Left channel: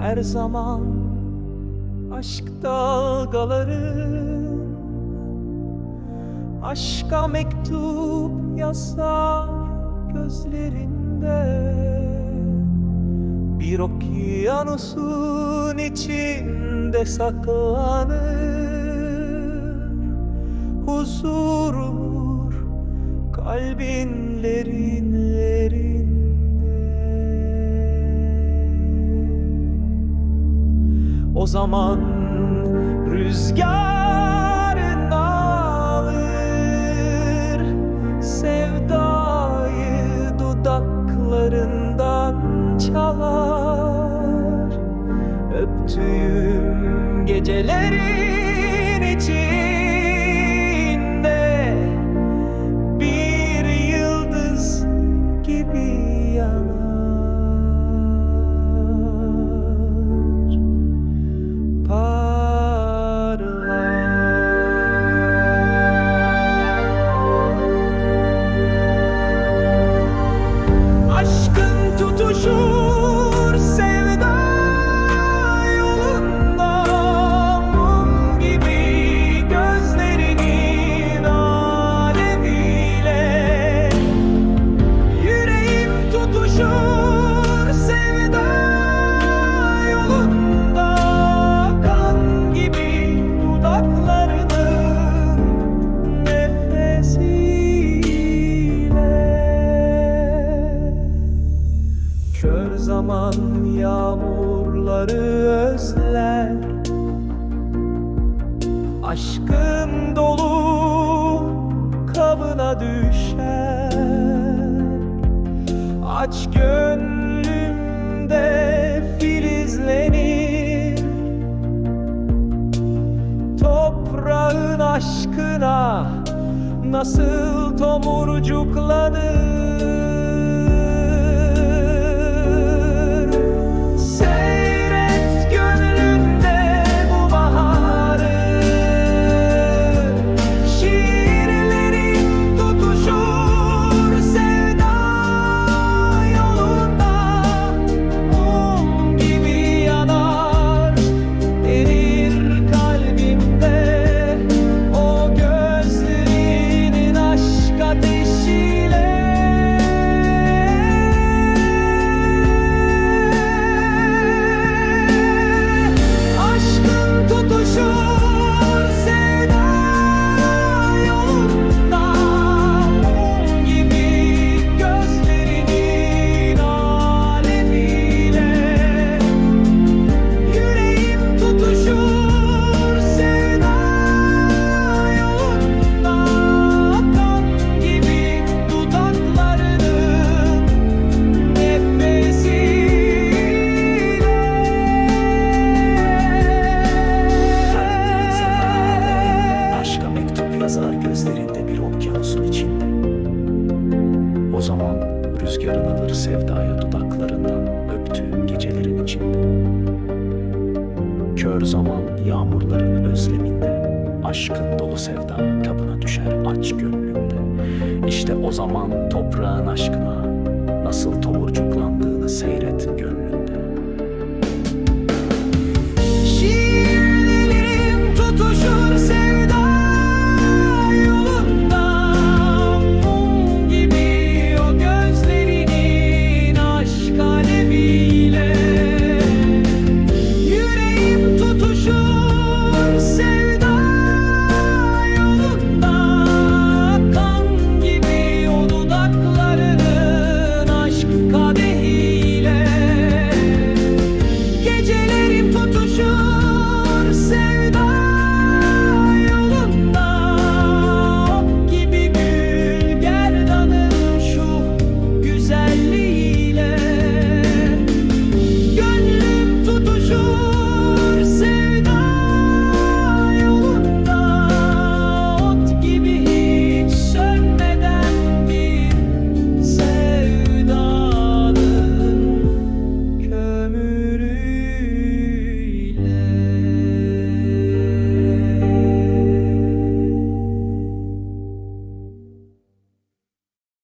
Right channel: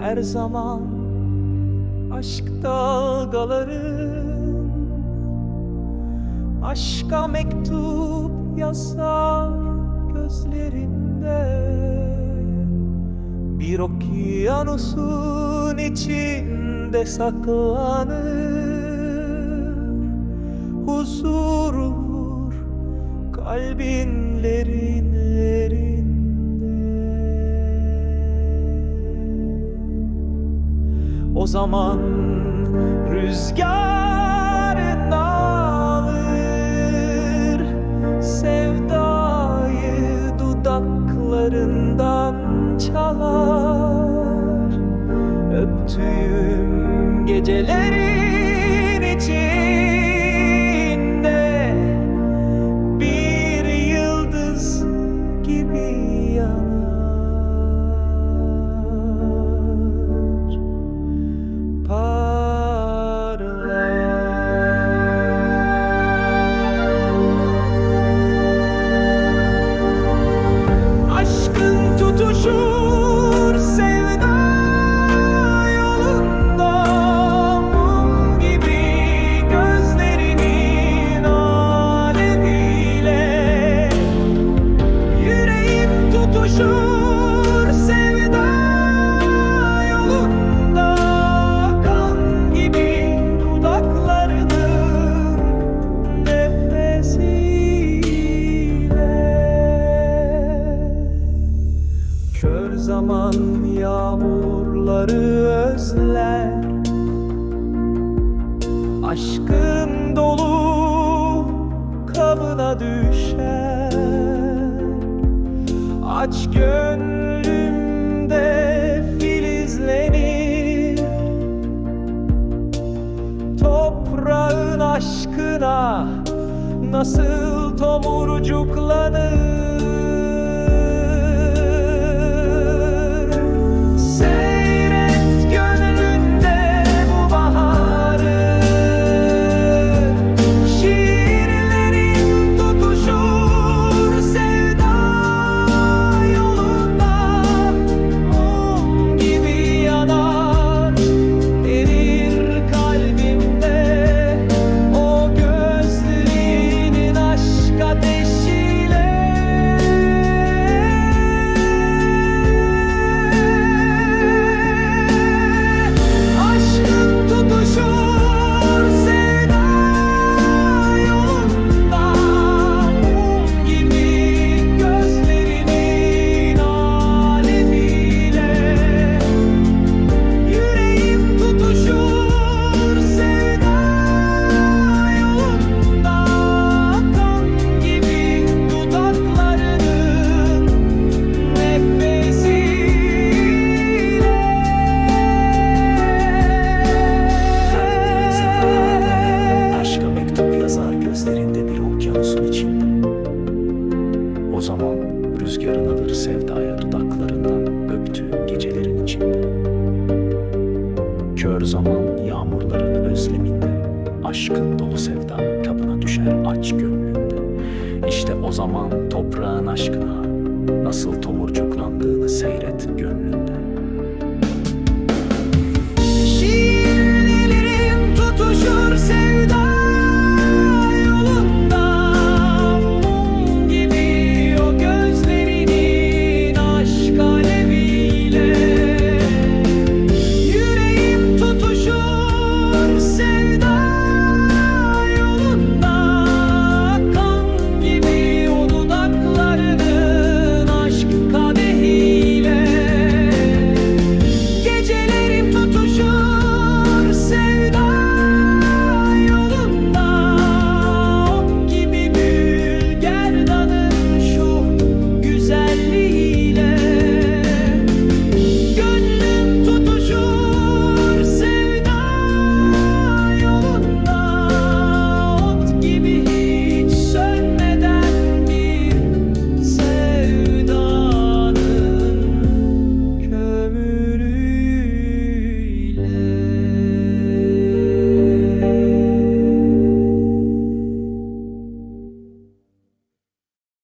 her zaman aşk dalgaların Aşka mektup yazar gözlerinde. Bir okyanusun içinde saklanır. Huzur kalbin derinlerinde O zaman rüzgarın alır. Sevdayı dudaklarından çalar. Öptüğüm gecelerin içinde Aşkın zaman yağmurları özler. Aşkın dolu kabına düşer. Aç gönlümde filizlenir. Toprağın aşkına nasıl tomurcuklanır yazar gözlerinde bir okyanusun içinde. O zaman rüzgarın alır sevdaya dudaklarından öptüğüm gecelerin içinde. Kör zaman yağmurların özleminde. Aşkın dolu sevda kabına düşer aç gönlünde. İşte o zaman toprağın aşkına nasıl tomurcuklandığını ömür